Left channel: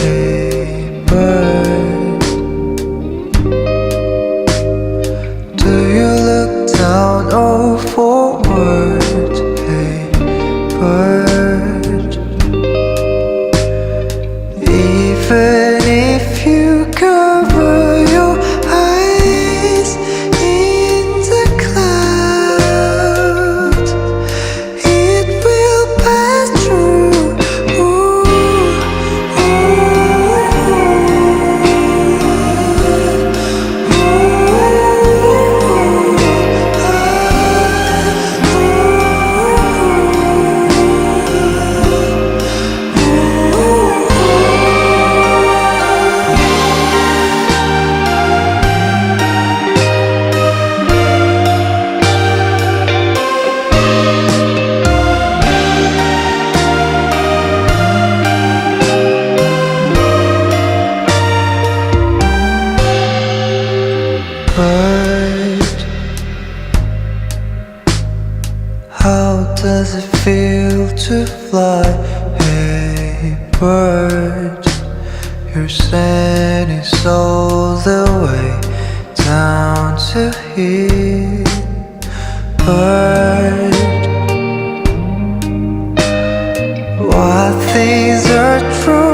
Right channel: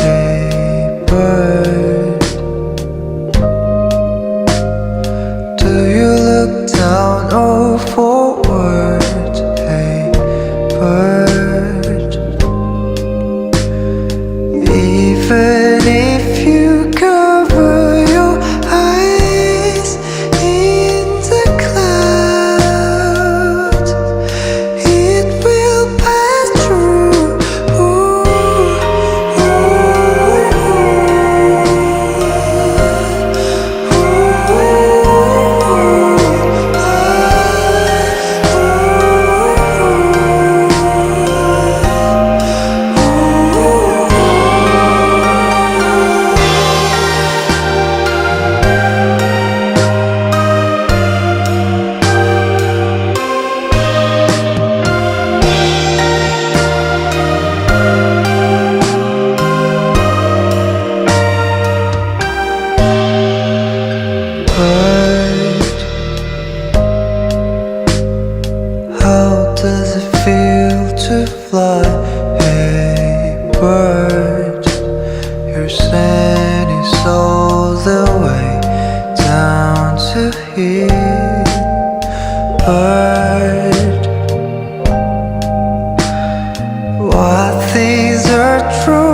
Hey bird, do you look down or forward? Hey bird, even if you cover your eyes in the clouds, it will pass through. Ooh, bird, how does it feel to fly? Hey bird, you're sending all the way down to here. Bird, what things are true?